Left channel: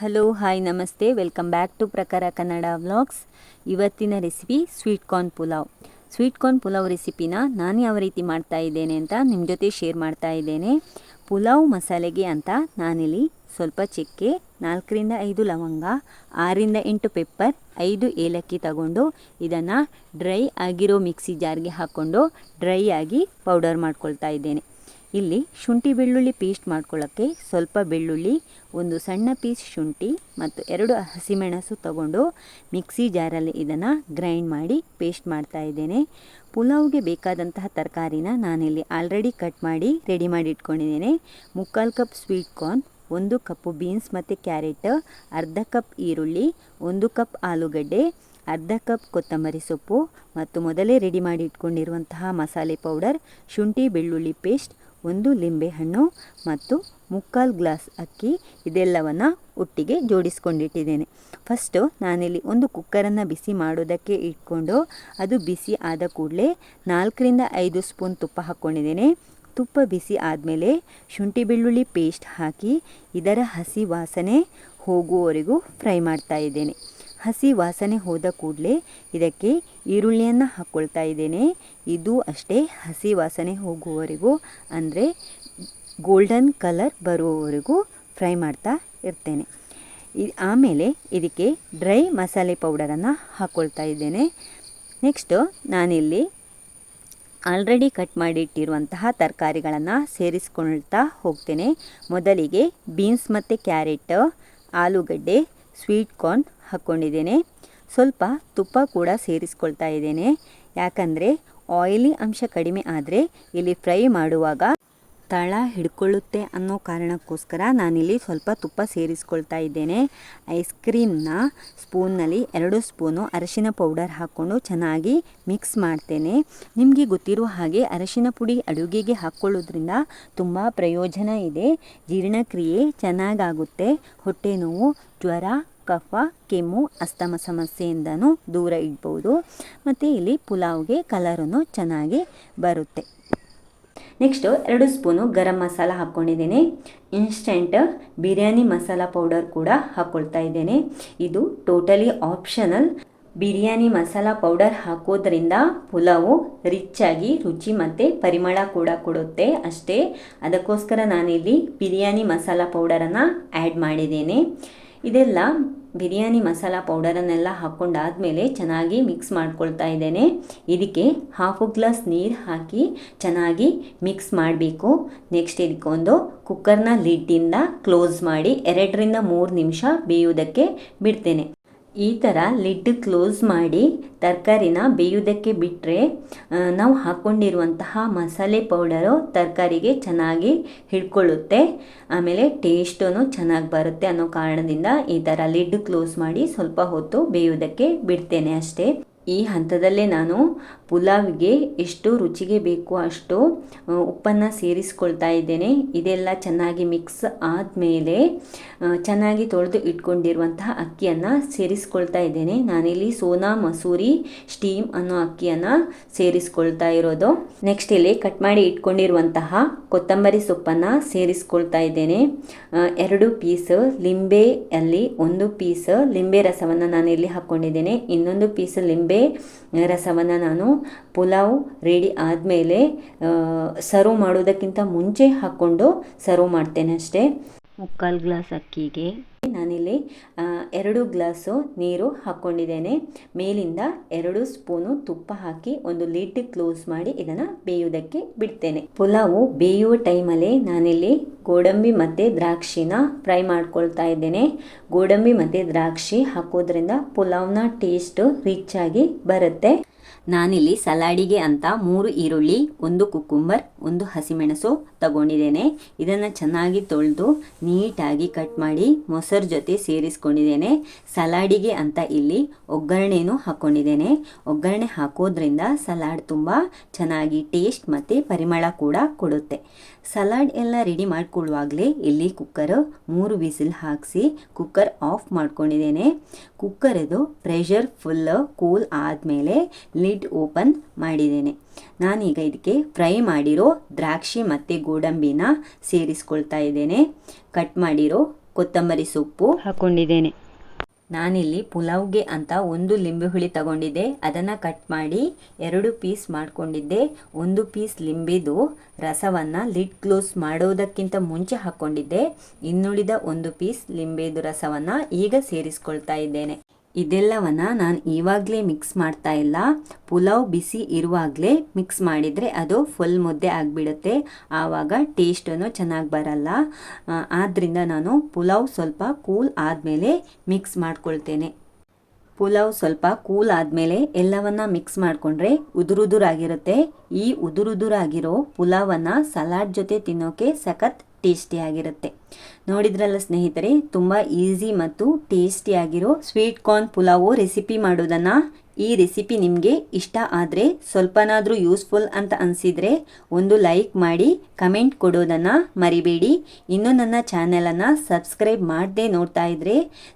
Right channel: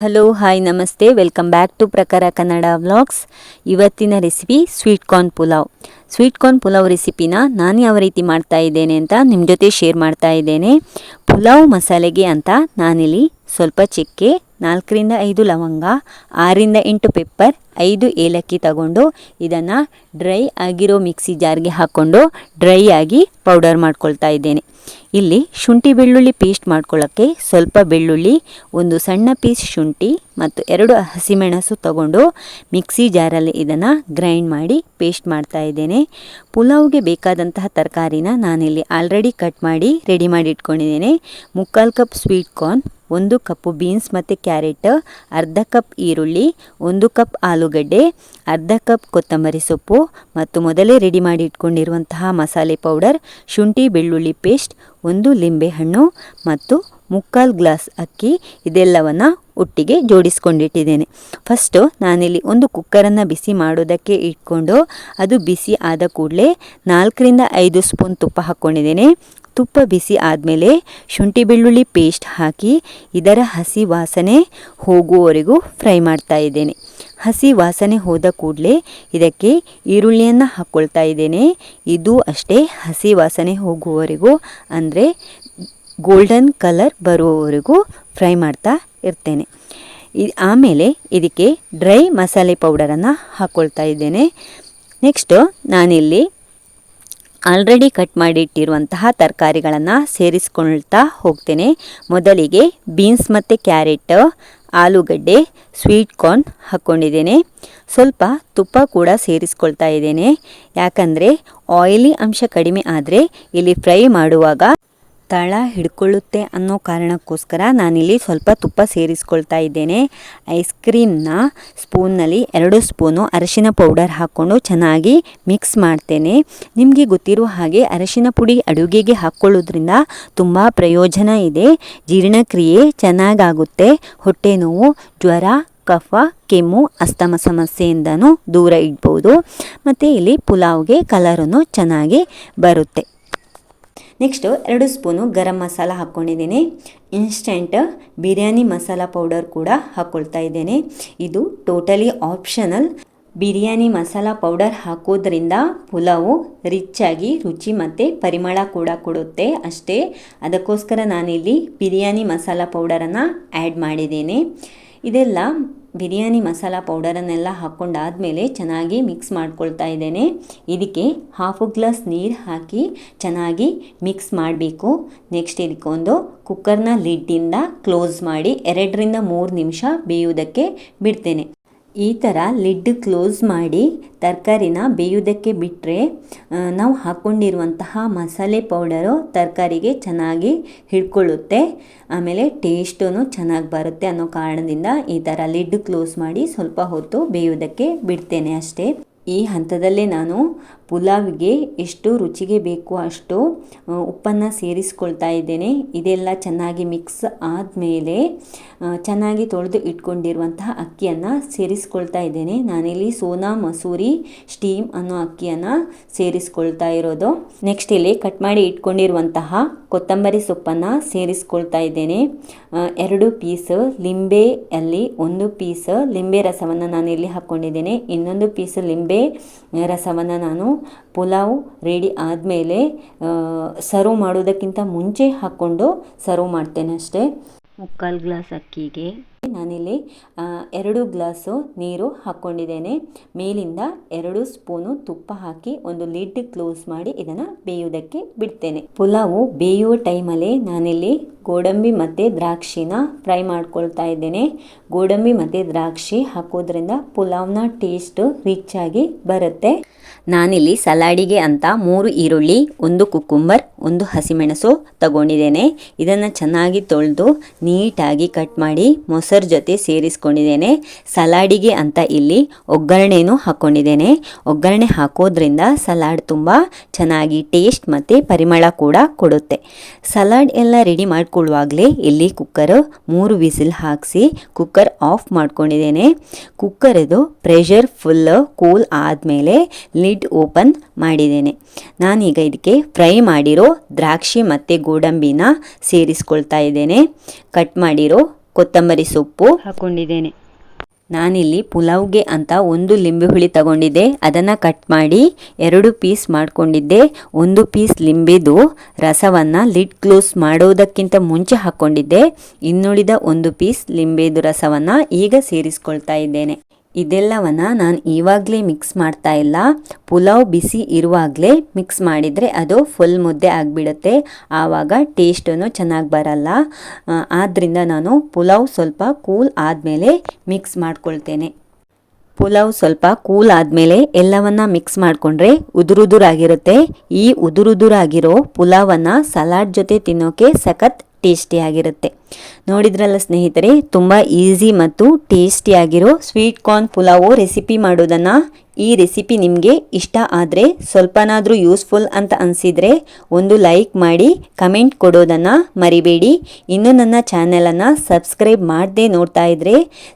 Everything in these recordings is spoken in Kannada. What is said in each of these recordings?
ಹಲೋ ಹಾಯ್ ನಮಸ್ತೆ welcome back to Prakara Kannada vlogs ಇವತ್ತಿನ recipe sweet corn pulao sweet corn pulao ರೆಸಿಪಿನ ನಾನು ಯಾವ ರೀತಿ ಮಾಡ್ತಾ ಇದ್ದೇನೆ ಅಂತ ನಿಮ್ಮ ಜೊತೆ ಶೇರ್ ಮಾಡ್ತಾ ಇದ್ದೇನೆ ಪುಲಾವ್ ಮಸಾಲೆಗೆ ಅಂತ ನಾನಿಲ್ಲಿ ಸ್ವಲ್ಪ ಚಕ್ಕೆ, ನಾಲ್ಕರಿಂದ ಐದು ಲವಂಗ ಆರಿಂದ ಎಂಟು ಪೆಪ್ಪರ್ ಐದು ಏಲಕ್ಕಿ ತಗೊಂಡು ಇದನ್ನು ಡ್ರೈ ಆಗಿರೋ ಮಿಕ್ಸಿ ಜಾರ್ಗೆ ಹಾಕ್ಕೊಂಡು ಡ್ರೈ ಆಗಿ ಪೌಡರ್ ಮಾಡ್ಕೊಳ್ತಾ ಇದ್ದೇನೆ. ಇಲ್ಲಿ ಶುಂಠಿ ಬೆಳ್ಳುಳ್ಳಿ ಪೇಸ್ಟ್ ಮಾಡ್ಕೊಳ್ಳೋಕ್ಕೆ ಸ್ವಲ್ಪ ಬೆಳ್ಳುಳ್ಳಿ, ಒಂದು ಸಣ್ಣ ಪೀಸ್ ಶುಂಠಿ ಮತ್ತು ಎರಡು ಹಸಿಮೆಣಸು ತಗೊಂಡು ಮಿಕ್ಸಿ ಜಾರಲ್ಲಿ ಇದನ್ನು ಗ್ರೈಂಡ್ ಮಾಡಿ ಪೇಸ್ಟ್ ಮಾಡ್ತಾ ಇದ್ದೇನೆ. ಪುಲಾವ್ಗೆ ಬೇಕಾದಂತಹ ತರಕಾರಿನ ನಾನಿಲ್ಲಿ ಆಲ್ರೆಡಿ ಕಟ್ ಮಾಡಿ ರೆಡಿ ಮಾಡಿ ಇಟ್ಕೊಂಡಿದ್ದೇನೆ. ಮುಕ್ಕಾಲು ಕಪ್ ಸ್ವೀಟ್ ಕಾರ್ನ್ ಒಂದು ಕಪ್ಪು ಬೀನ್ಸ್ ಮತ್ತು ಕ್ಯಾರೆಟ್, ಅರ್ಧ ಕಪ್ ಈರುಳ್ಳಿ, ಒಂದು ಕಪ್ ಆಲೂಗಡ್ಡೆ, ಅರ್ಧ ಕಪ್ ಕೊತ್ತಂಬರಿ ಸೊಪ್ಪು ಮತ್ತು ಮೊದಲೇ ರೆಡಿ ಮಾಡಿ ಇಟ್ಕೊಂಡಿರುವಂತಹ ಮಸಾಲೆ ಪೌಡರ್ ಶುಂಠಿ ಬೆಳ್ಳುಳ್ಳಿ ಪೇಸ್ಟ್ ಒಂದು ಲಿಂಬೆಹಣ್ಣು ಮತ್ತು ಮುಕ್ಕಾಲು ಗ್ಲಾಸ್ ಅಕ್ಕಿ ಇದೆಲ್ಲವನ್ನು ಒಟ್ಟಿಗೆ ಜೋಡಿಸ್ಕೊಂಡಿಟ್ಟಿದ್ದೇನೆ. ಫಸ್ಟು ನಾನಿಲ್ಲಿ ಒಂದು ಕುಕ್ಕರನ್ನು ಬಿಸಿ ಮಾಡೋದಕ್ಕೆ ಇಟ್ಕೊಂಡು ಅದು ಬಿಸಿ ಆದ ಕೂಡಲೇ ನಾಲ್ಕರಿಂದ ಐದು ಸ್ಪೂನ್ ತುಪ್ಪ ಹಾಕ್ಕೊಂಡಿದ್ದೇನೆ ತುಪ್ಪ ಬಿಸಿ ಆದಮೇಲೆ ಶುಂಠಿ ಬೆಳ್ಳುಳ್ಳಿ ಪೇಸ್ಟ್ ಹಾಕಿ ಇದರ ಹಸಿ ವಾಸನೆ ಹೋಗುವವರೆಗೂ ಫ್ರೈ ಮಾಡ್ತಾ ಇದ್ದೇನೆ. ಹಸಿ ವಾಸನೆ ಹೋದ ಕೂಡಲೇ ಇದಕ್ಕೆ ಈರುಳ್ಳಿಯನ್ನು ಹಾಕ್ಕೊಳ್ತಾ ಇದ್ದೇನೆ. ಇದು ಅಷ್ಟೇ ಹಸಿ ವಾಸನೆ ಹೋಗುವವರೆಗೂ ಅಂದರೆ ಗೋಲ್ಡನ್ ಕಲರ್ ಬರುವವರೆಗೂ ಫ್ರೈ ಮಾಡ್ತಾ ಇರ್ತೇನೆ. ಆಮೇಲೆ ಇದಕ್ಕೆ ಡ್ರೈ ಮಸಾಲೆ ಪೌಡರನ್ನು ಹಾಕ್ಕೊಳ್ತಾ ಇದ್ದೇನೆ. ನೆಕ್ಸ್ಟು ನಾನಿಲ್ಲಿ ಆಲ್ರೆಡಿ ಕಟ್ ಮಾಡಿ ಇಟ್ಟಿರುವಂತಹ ತರಕಾರಿಗಳನ್ನು ಸೇರಿಸ್ಕೊಳ್ತಾ ಹೋಗ್ತೇನೆ. ಮೊದಲಿಗೆ ಬೀನ್ಸ್ ಮತ್ತು ಕ್ಯಾರೆಟ್ ಆಲೂಗಡ್ಡೆ ಸ್ವೀಟ್ ಕಾರ್ನ್ ಹಾಕ್ಕೊಂಡಿದ್ದೇನೆ ಸ್ವಲ್ಪ ತುಪ್ಪ ಕೂಡ ಸೇರಿಸ್ಕೊಳ್ತಾ ಇದ್ದೇನೆ. ಯಾಕಂದರೆ ಆಯಿಲಿ ಅಂಶ ಕಡಿಮೆ ಆದರೆ ಇಲ್ಲಿ ಫ್ರೈ ಮಾಡುವಾಗ ತಳ ಹಿಡ್ಕೊಳ್ಳುತ್ತೆ ಅನ್ನೋ ಕಾರಣಕ್ಕೋಸ್ಕರ ನಾನಿಲ್ಲಿ ಸ್ವಲ್ಪ ತುಪ್ಪ ಸೇರಿಸ್ಕೊಳ್ತಾ ಇದ್ದೇನೆ. ಐಸ್ ಕ್ರೀಮ್ನ ಸ್ಪೂನ್ನಲ್ಲಿ ಎರಡು ಸ್ಪೂನು ಅರಶಿನ ಪೌಡರ್ ಹಾಕ್ಕೊಂಡು ಚೆನ್ನಾಗಿ ಮಿಕ್ಸ್ ಮಾಡ್ತೇನೆ. ನಿಮಗೆ ಗೊತ್ತಿರೋ ಹಾಗೆ ಅರಶಿನ ಪುಡಿ ಅಡುಗೆಗೆ ಹಾಕ್ಕೊಳ್ಳೋದ್ರಿಂದ ತುಂಬ ಪ್ರಯೋಜನ ಇದೆ. ಜೀರ್ಣಕ್ರಿಯೆ ಚೆನ್ನಾಗಾಗುತ್ತೆ. ಹೊಟ್ಟೆ ನೋವು, ಜ್ವರ, ಕಫ, ಕೆಮ್ಮು, ಅಸ್ತಮ ಸಮಸ್ಯೆಯಿಂದನೂ ದೂರ ಇಡ್ಬೋದು. ಮತ್ತು ಇಲ್ಲಿ ಪುಲಾವ್ಗೆ ಕಲರನ್ನು ಚೆನ್ನಾಗಿ ಬರುತ್ತೆ. ನೆಕ್ಸ್ಟು ಎರಡು ಸ್ಪೂನು ಗರಂ ಮಸಾಲ ಹಾಕ್ಕೊಂಡಿದ್ದೀನಿ. ಇನ್ಸ್ಟೆಂಟ್ ಬಿರಿಯಾನಿ ಮಸಾಲ ಪೌಡರ್ ಕೂಡ ಹಾಕ್ಕೊಳ್ತಾ ಇದ್ದೇನೆ. ಇದು totally optional biryani masala powder ಹಾಕೋದ್ರಿಂದ ಪುಲಾವು ಆಗಿ ರುಚಿ ಮತ್ತು ಪರಿಮಳ ಕೂಡ ಕೊಡುತ್ತೆ ಅಷ್ಟೇ. ಅದಕ್ಕೋಸ್ಕರ ನಾನಿಲ್ಲಿ ಬಿರಿಯಾನಿ ಮಸಾಲ ಪೌಡರನ್ನು ಆ್ಯಡ್ ಮಾಡಿದ್ದೇನೆ. ಇದೆಲ್ಲ ಬಿರಿಯಾನಿ ಮಸಾಲ ಪೌಡರನ್ನೆಲ್ಲ ಹಾಕ್ಕೊಂಡಾದಮೇಲೆ ಚೆನ್ನಾಗಿ ಮಿಕ್ಸ್ ಮಾಡ್ಕೊಳ್ತಾ ಇದ್ದೇನೆ. ಇದಕ್ಕೆ ಹಾಫು ಗ್ಲಾಸ್ ನೀರು ಹಾಕಿ ಚೆನ್ನಾಗಿ ಮಿಕ್ಸ್ ಮಾಡಬೇಕು. ನೆಕ್ಸ್ಟ್ ಇದಕ್ಕೊಂದು ಕುಕ್ಕರ್ನ ಲಿಡ್ಡಿಂದ ಕ್ಲೋಸ್ ಮಾಡಿ ಎರಡರಿಂದ ಮೂರು ನಿಮಿಷ ಬೇಯುವುದಕ್ಕೆ ಬಿಡ್ತೇನೆ. ಈ ಥರ ಲಿಡ್ ಕ್ಲೋಸ್ ಮಾಡಿ ತರಕಾರಿನ ಬೇಯುವುದಕ್ಕೆ ಬಿಟ್ಟರೆ ನಾವು ಹಾಕ್ಕೊಂಡಿರುವಂತಹ ಮಸಾಲೆ ಪೌಡರು ತರಕಾರಿಗೆ ಚೆನ್ನಾಗಿ ಹಿಡ್ಕೊಳ್ಳುತ್ತೆ. ಆಮೇಲೆ ಟೇಸ್ಟೂ ಚೆನ್ನಾಗಿ ಬರುತ್ತೆ ಅನ್ನೋ ಕಾರಣದಿಂದ ಈ ಥರ ಲಿಡ್ ಕ್ಲೋಸ್ ಮಾಡಿ ಸ್ವಲ್ಪ ಹೊತ್ತು ಬೇಯುವುದಕ್ಕೆ ಬಿಡ್ತೇನೆ ಅಷ್ಟೇ. ಈ ಹಂತದಲ್ಲೇ ನಾನು ಪುಲಾವ್ಗೆ ಎಷ್ಟು ರುಚಿಗೆ ಬೇಕು ಅಷ್ಟು ಉಪ್ಪನ್ನು ಸೇರಿಸ್ಕೊಳ್ತಾ ಇದ್ದೇನೆ. ಇದೆಲ್ಲ ಚೆನ್ನಾಗಿ ಮಿಕ್ಸ್ ಆದಮೇಲೆ ಚೆನ್ನಾಗಿ ತೊಳೆದು ಇಟ್ಕೊಂಡಿರುವಂತಹ ಅಕ್ಕಿಯನ್ನು ಸೇರಿಸ್ಕೊಳ್ತಾ ಇದ್ದೇನೆ. ನಾನಿಲ್ಲಿ ಸೋನಾ ಮಸೂರಿ ಸ್ಟೀಮ್ ಅನ್ನೋ ಅಕ್ಕಿಯನ್ನು ಸೇರಿಸ್ಕೊಳ್ತಾ ಇರೋದು. ನೆಕ್ಸ್ಟ್ ಇಲ್ಲಿ ಕಟ್ ಮಾಡಿ ಇಟ್ಕೊಂಡಿರುವಂತಹ ಕೊತ್ತಂಬರಿ ಸೊಪ್ಪನ್ನು ಸೇರಿಸ್ಕೊಳ್ತಾ ಇದ್ದೇನೆ. ಎರಡು ಪೀಸ್ ಲಿಂಬೆಯಲ್ಲಿ ಒಂದು ಪೀಸ್ ಲಿಂಬೆ ರಸವನ್ನು ನಾನು ಇಲ್ಲಿ ಹಾಕ್ಕೊಂಡಿದ್ದೇನೆ ಇನ್ನೊಂದು ಪೀಸ್ ಲಿಂಬೆ ರಸವನ್ನು ನಾನು ಪುಲಾವ್ ರೆಡಿ ಆದಮೇಲೆ ಸರ್ವ್ ಮಾಡೋದಕ್ಕಿಂತ ಮುಂಚೆ ಹಾಕ್ಕೊಂಡು ಸರ್ವ್ ಮಾಡ್ತೇನೆ ಅಷ್ಟೇ. ಮುಕ್ಕಾಲು ಗ್ಲಾಸ್ ಅಕ್ಕಿಗೆ. ನಾನಿಲ್ಲಿ ಎರಡು ಗ್ಲಾಸು ನೀರು ಹಾಕ್ಕೊಂಡಿದ್ದೇನೆ. ಮೇಲಿಂದ ಎರಡು ಸ್ಪೂನು ತುಪ್ಪ ಹಾಕಿ ಒಂದು ಲಿಡ್ ಕ್ಲೋಸ್ ಮಾಡಿ ಇದನ್ನು ಬೇಯೋದಕ್ಕೆ ಬಿಡ್ತೇನೆ. ಪುಲಾವು ಬೇಯುವ ಟೈಮಲ್ಲಿ ನಾನಿಲ್ಲಿ ಗೋಡಂಬಿ ಮತ್ತು ದ್ರಾಕ್ಷಿನ ಫ್ರೈ ಮಾಡ್ಕೊಳ್ತಾ ಇದ್ದೇನೆ. ಗೋಡಂಬಿ ಮತ್ತು ದ್ರಾಕ್ಷಿ ಹಾಕೋದ್ರಿಂದ ಪುಲಾವ್ನ ಟೇಸ್ಟು ರಿಚ್ ಆಗಿ ಬರುತ್ತೆ. ನಾನಿಲ್ಲಿ ಸಲಾಡಿಗೆ ಅಂತ ಮೂರು ಈರುಳ್ಳಿ, ಒಂದು ಕುಕ್ಕುಂಬರ್, ಒಂದು ಹಸಿಮೆಣಸು ತಗೊಂಡಿದ್ದೇನೆ. ಇದನ್ನು ಚೆನ್ನಾಗಿ ತೊಳೆದು ನೀಟಾಗಿ ಕಟ್ ಮಾಡಿ ಮೊಸರು ಜೊತೆ ಸೇರಿಸ್ಕೊಂಡಿದ್ದೇನೆ. ಸಲಾಡಿಗೆ ಅಂತ ಇಲ್ಲಿ ಒಗ್ಗರಣೆನೂ ಹಾಕ್ಕೊಂಡಿದ್ದೇನೆ ಒಗ್ಗರಣೆ ಹಾಕೋದ್ರಿಂದ ಸಲಾಡ್ ತುಂಬ ಚೆನ್ನಾಗಿ ಟೇಸ್ಟ್ ಮತ್ತು ಪರಿಮಳ ಕೂಡ ಕೊಡುತ್ತೆ. ಸಲಾಡ್ ಎಲ್ಲ ರೆಡಿ ಮಾಡ್ಕೊಳ್ಳುವಾಗಲೇ ಇಲ್ಲಿ ಕುಕ್ಕರ್ ಮೂರು ವಿಸಿಲ್ ಹಾಕಿಸಿ ಕುಕ್ಕರ್ ಆಫ್ ಮಾಡ್ಕೊಂಡಿದ್ದೇನೆ. ಕುಕ್ಕರದು ಪ್ರೆಷರ್ ಫುಲ್, ಕೂಲ್ ಆದಮೇಲೆ ಲಿಡ್ ಓಪನ್ ಮಾಡಿದ್ದೇನೆ. ನಾನೀಗ ಇದಕ್ಕೆ ಫ್ರೈ ಮಾಡಿರೋ ದ್ರಾಕ್ಷಿ ಮತ್ತು ಗೋಡಂಬಿನ ಸೇರಿಸ್ಕೊಳ್ತಾ ಇದ್ದೇನೆ. ಕಟ್ ಮಾಡಿರೋ ಕೊತ್ತಂಬರಿ ಸೊಪ್ಪು ಹಾಕೊಂಡಿದ್ದೇನೆ. ನಾನಿಲ್ಲಿ ಪುಲಾವ್ಗೆ ಅಂತ ಒಂದು ಲಿಂಬೆ ಹುಳಿ ತಗೊಂಡಿದ್ದೆ. ಅದನ್ನು ಕಟ್ ಮಾಡಿ ಎರಡು ಪೀಸ್ ಮಾಡಿಕೊಂಡಿದ್ದೆ. ಒಂದು ಪೀಸ್ ಲಿಂಬೆದು ರಸವನ್ನು ಲಿಡ್ ಕ್ಲೋಸ್ ಮಾಡೋದಕ್ಕಿಂತ ಮುಂಚೆ ಹಾಕ್ಕೊಂಡಿದ್ದೆ ಇನ್ನುಳಿದ ಒಂದು ಪೀಸ್ ಲಿಂಬೆದು ರಸವನ್ನು ಈಗ ಸೇರಿಸ್ಕೊಳ್ತಾ ಇದ್ದೇನೆ. ಇದೆಲ್ಲವನ್ನ ನಾನು ಇವಾಗಲೇ ಮಿಕ್ಸ್ ಮಾಡ್ತಾ ಇಲ್ಲ. ಪುಲಾವ್ ಬಿಸಿ ಇರುವಾಗಲೇ ಮಿಕ್ಸ್ ಮಾಡಿದರೆ ಅದು ಫುಲ್ ಮುದ್ದೆ ಆಗಿಬಿಡುತ್ತೆ. ಆವಾಗ ಟೇಸ್ಟನ್ನು ಚೆನ್ನಾಗಿ ಬರಲ್ಲ. ಆದ್ದರಿಂದ ನಾನು ಪುಲಾವ್ ಸ್ವಲ್ಪ ಕೂಲ್ ಆದಮೇಲೆ ಮಿಕ್ಸ್ ಮಾಡ್ಕೊಳ್ತೇನೆ. ಪುಲಾವ್ ಸ್ವಲ್ಪ ಕೂಲ್ ಆದಮೇಲೆ ಎಲ್ಲವನ್ನು ಮಿಕ್ಸ್ ಮಾಡಿಕೊಂಡ್ರೆ ಉದುರುದುರಾಗಿರುತ್ತೆ. ಈ ಉದುರುದುರಾಗಿರೋ ಪುಲಾವನ್ನು ಸಲಾಡ್ ಜೊತೆ ತಿನ್ನೋಕೆ ಸಖತ್ ಟೇಸ್ಟಿಯಾಗಿರುತ್ತೆ ನೋಡಿದ್ರಲ್ಲ ಸ್ನೇಹಿತರೆ, ತುಂಬ ಈಸಿ ಮತ್ತು ಟೇಸ್ಟಿಯಾಗಿರೋ ಸ್ವೀಟ್ ಕಾರ್ನ್ ಪುಲಾವು ರೆಸಿಪಿ ಮಾಡೋದನ್ನು ಈ ರೆಸಿಪಿ ನಿಮಗೆ ಇಷ್ಟ ಆದರೆ, ಸ್ವಲ್ಪನಾದರೂ ಯೂಸ್ಫುಲ್ ಅಂತ ಅನಿಸಿದರೆ ಒಂದು ಲೈಕ್ ಮಾಡಿ, ಕಮೆಂಟ್ ಕೊಡೋದನ್ನು ಮರಿಬೇಡಿ. ಇನ್ನು ನನ್ನ ಚಾನೆಲನ್ನು ಸಬ್ಸ್ಕ್ರೈಬ್ ಮಾಡದೆ ನೋಡ್ತಾ ಇದ್ದರೆ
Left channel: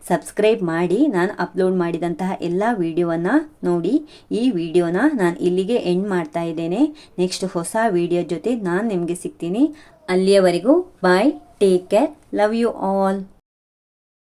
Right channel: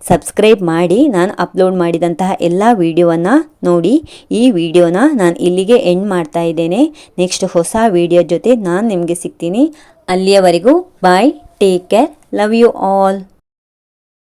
ಸಬ್ಸ್ಕ್ರೈಬ್ ಮಾಡಿ, ನಾನು ಅಪ್ಲೋಡ್ ಮಾಡಿದಂತಹ ಎಲ್ಲ ವೀಡಿಯೋವನ್ನು ನೋಡಿ. ಈ ವಿಡಿಯೋನ ನಾನು ಇಲ್ಲಿಗೆ ಎಂಡ್ ಮಾಡ್ತಾ ಇದ್ದೇನೆ. ನೆಕ್ಸ್ಟ್ ಹೊಸ ವಿಡಿಯೋ ಜೊತೆ ನಾನು ನಿಮಗೆ ಸಿಗ್ತೀನಿ. ಅಲ್ಲಿಯವರೆಗೂ bye take care love you all